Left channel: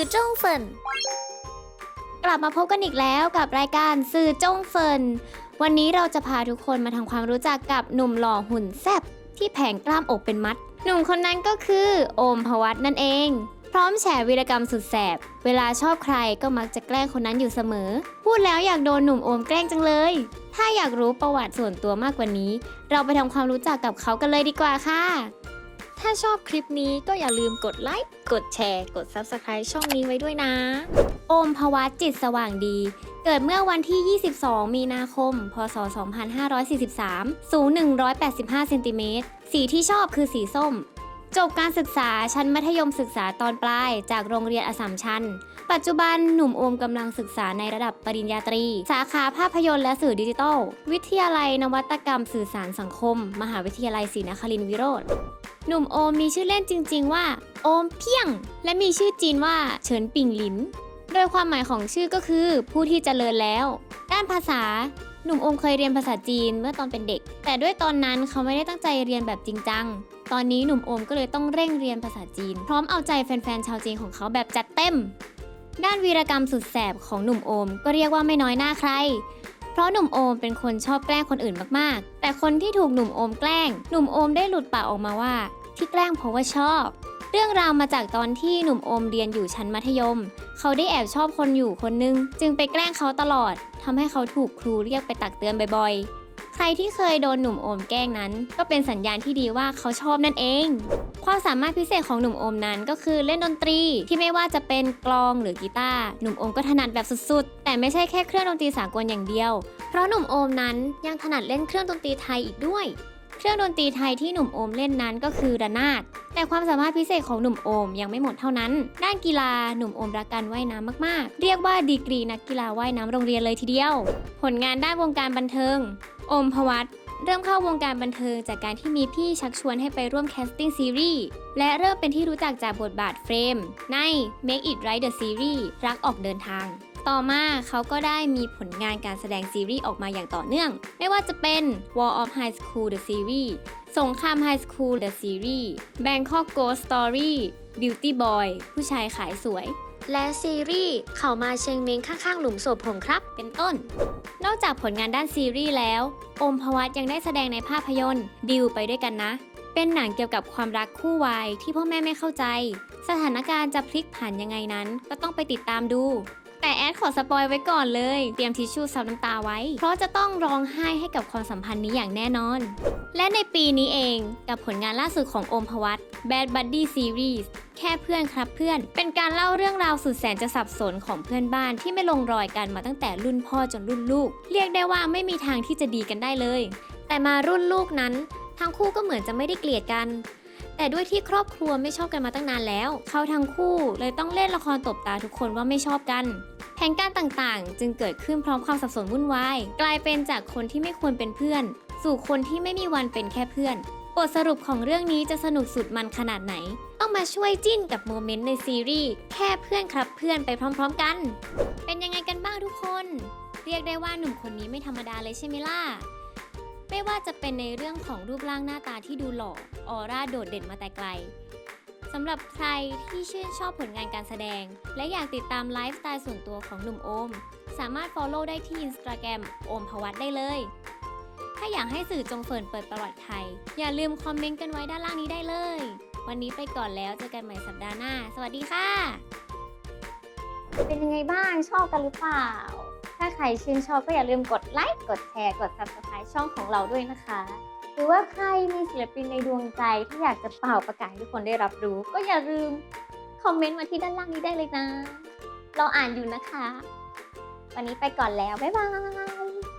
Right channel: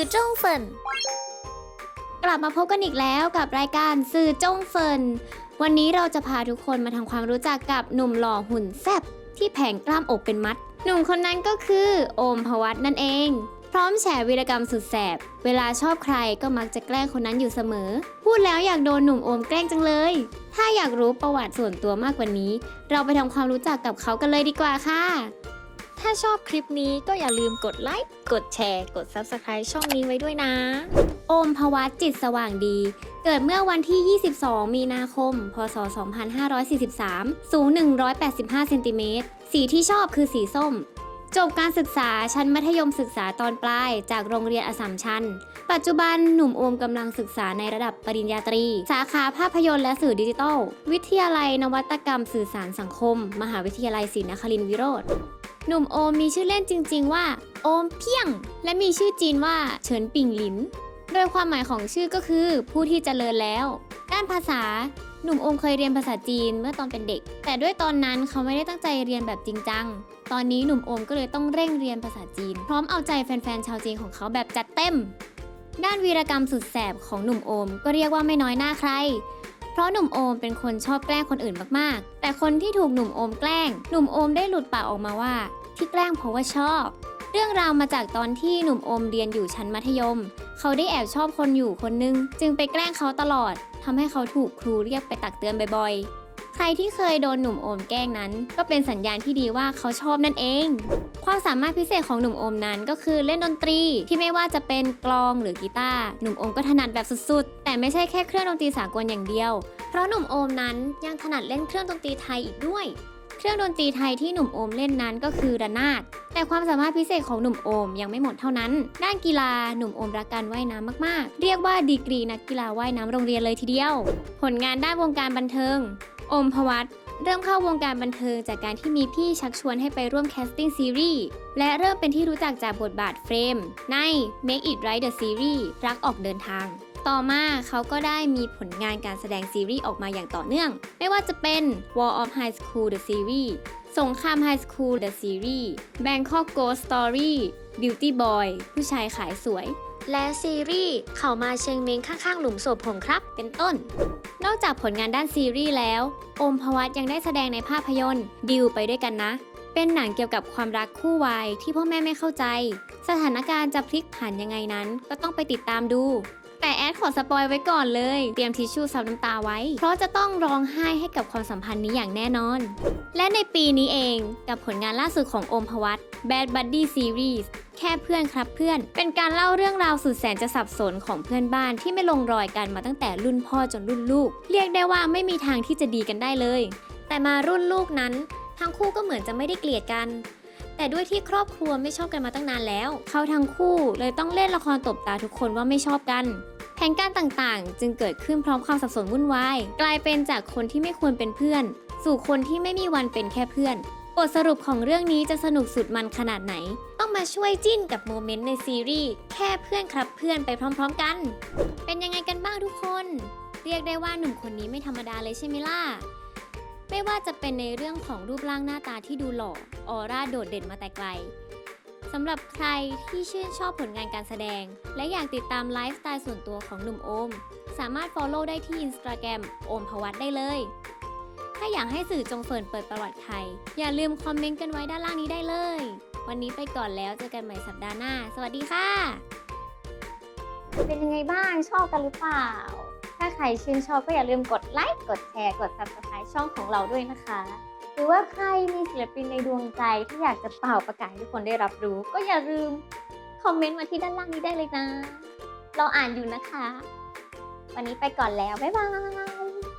สื่อจ้งเฟินกลับมาพบกันอีกแล้วกับรายการสื่อจ้งเฟินวันนี้เราจะพาทุกคนมาทำความรู้จักกับหนุ่มหล่อหุ่นแซ่บที่แผงกล้ามอกเป็นมัด หนุ่มคนนั้นก็คือโอมพวัตนั่นเอง พร้อมแฉวีรกรรมสุดแสบ เวลาชอบใครก็มักจะแกล้งคนนั้นอยู่เสมอ พูดแล้วอยากโดนหนุ่มโอมแกล้งจังเลย ถ้าอยากรู้ประวัติส่วนตัวมากกว่านี้ เราไปทำความรู้จักกับเขากันเลยดีกว่าค่ะ ถ้าชอบคลิปนี้ก็อย่าลืมกดไลค์ กดแชร์ กด Subscribe ช่องนี้ไว้ด้วยนะ โอมภวัตจิตสว่างดี เกิดเมื่อวันที่ 22 มีนาคม พศ 2543 สูง 185 เซนติเมตร สีที่ชอบคือสีส้ม จบการศึกษาชั้นมัธยมศึกษาตอนปลาย จากโรงเรียนอสสัมชัญ ปัจจุบันหนุ่มโอมกำลังศึกษาในระดับปริญญาตรี สาขาภาพยนตร์และสื่อดิจิทัล วิทยาลัยนวัตกรรมสื่อสารสังคม มหาวิทยาลัยศรีนครินทร์วิโรธ หนุ่มโอมมีชื่อเล่นจริง ๆ ว่า โอมเพียง และมีชื่อจีนว่าเฉินปิงหลิม โดยความหมายของชื่อก็คือ ผู้ที่เจริญแล้ว ด้านภาษา หนุ่มโอมเคยเรียนภาษาจีนเมื่อตอนเป็นเด็ก แต่ด้วยตอนนั้นเขาไม่ได้ตั้งใจเรียนแบบจริงจัง ตอนนี้หนุ่มโอมก็เลยต้องเร่งเรียนภาษาจีน พร้อมเอาใจแฟนๆชาวจีนของเขาแบบจัดเต็ม ด้านวีรกรรมสุดแสบของหนุ่มโอม ก็เรียกว่าไม่น้อยหน้าใครเพราะหนุ่มโอมเป็นคนชอบแกล้งคนอื่นมากๆ แต่คนที่ถูกหนุ่มโอมแกล้ง หนุ่มโอมได้หลุดปากออกมาว่า ที่แกล้งเพราะว่าชอบ เรื่องราวมาจากตอนที่หนุ่มโอมเรียนอยู่ชั้นมัธยม เขาได้แอบชอบคนอยู่คนนึง จึงไปแกล้งเขาตลอดทำให้เขาถูกครูเรียกไปตักเตือนบ่อยๆ ใครที่เคยโดนหนุ่มโอมแกล้งนั้น ก็เป็นสัญญาณที่ดีว่าเขาชอบนั่นเอง ความสามารถพิเศษของหนุ่มโอมนั้นก็คือเล่นดนตรีที่ไม่ว่าจะเป็นกลองหรือกีตาร์หนุ่มโอมก็ถนัดแบบสุดๆ แต่ไม่ใช่แค่เครื่องดนตรีสากลอย่างเดียว เพราะหนุ่มโอมนั้นยังถนัดเล่นเครื่องดนตรีไทยอีกด้วย เครื่องดนตรีไทยที่หนุ่มโอมเล่นนั้นก็คือระนาด แต่ความสามารถพิเศษของหนุ่มโอมยังไม่หมดเท่านั้น ด้านกีฬาหนุ่มโอมรักการว่ายน้ำมากๆ เรียกว่าดีกรีนักกีฬาว่ายน้ำโรงเรียนเลยทีเดียว ผลงานด้านวงการบันเทิง โอมพวัตเริ่มเข้าวงการบันเทิงจากการที่มีพี่ชักชวนให้ไปร่วมแคสติ้งซีรีส์และเริ่มเป็นที่รู้จักจากบทบาทเฟรม ใน Make It Right the Series รักออกเดินทาง ต่อมาเขาก็ได้มีผลงานการแสดงซีรีส์ออกมาอย่างต่อเนื่อง ไม่ว่าจะเป็น War of High School the Series สงคราม High School the Series Bangkok Ghost Story Beauty Boy ผู้ชายขายสวย และซีรีส์เขามาเชงเมงข้างๆ หลุมศพผมครับ เป็นต้น นอกจากผลงานด้านซีรีส์แล้ว อมพวัตยังได้แสดงในภาพยนตร์ดิวไปด้วยกันนะ เป็นหนังเกี่ยวกับความรักคู่วายที่พ่อแม่ไม่เข้าใจ สถานการณ์จะพลิกผันยังไงนั้น ก็ต้องไปติดตามดู แต่แอนขอสปอยไว้ก่อนเลย เตรียมทิชชู่ซับน้ำตาไว้ เพราะจะต้องร้องไห้ให้กับความสัมพันธ์นี้อย่างแน่นอน และในปีนี้เองกับผลงานล่าสุดของโอมพวัต Bad Buddy Series แค่เพื่อนครับเพื่อน เป็นการเล่าเรื่องราวสุดแสนจะสับสนของเพื่อนบ้านที่ไม่ลงรอยกันมาตั้งแต่รุ่นพ่อจนรุ่นลูก เรียกได้ว่าไม่มีทางที่จะดีกันได้เลย แต่มารุ่นลูกนั้น ทั้งคู่ก็เหมือนจะไม่ได้เกลียดกัน แต่ด้วยที่ครอบครัวไม่ชอบกันมาตั้งนานแล้ว เขาทั้งคู่เลยต้องเล่นละครตบตาทุกคนว่าไม่ชอบกัน แผนการต่างๆ จึงเกิดขึ้นพร้อมความสับสนวุ่นวาย กลายเป็นจากคนที่ไม่ควรเป็นเพื่อน สู่คนที่ไม่มีวันเป็นแค่เพื่อน บทสรุปของเรื่องนี้จะสนุกสุดมันขนาดไหน ต้องมาช่วยจิ้นกับโมเมนต์ในซีรีส์แค่เพื่อนครับเพื่อนไปพร้อม ๆ กัน เป็นยังไงกันบ้างทุกคน เรียกได้ว่าหนุ่มคนนี้ไม่ธรรมดาเลยใช่ไหมล่ะ ไม่ว่าจะเป็นในเรื่องของรูปร่างหน้าตาที่ดูหล่อออร่าโดดเด่นมาแต่ไกลสำหรับใครที่ชื่นชอบผลงานการแสดง และอยากติดตามไลฟ์สไตล์ส่วนตัวของหนุ่มโอม สามารถ Follow ได้ที่ Instagram โอมพวัตได้เลย ถ้าอยากให้สื่อจงเฟินเปิดประวัติใครอย่าลืมคอมเมนต์กันไว้ด้านล่างนี้ได้เลย วันนี้ไปก่อนแล้วเจอกันใหม่สัปดาห์หน้า สวัสดีค่ะ เป็นยังไงบ้างชอบกันหรือเปล่า ถ้าใครชื่นชอบก็อย่าลืมกดไลค์กดแชร์กด subscribe ช่องของเราด้วยนะคะ หรือว่าใครมีศิลปินในดวงใจที่อยากจะเป่าประกาศให้ทุกคนได้รับรู้ ก็อย่าลืมคอมเมนต์มาที่ด้านล่างนี้ได้เลยนะ เราอ่านอยู่นะคะ วันนี้ไปก่อนแล้ว บ๊ายบาย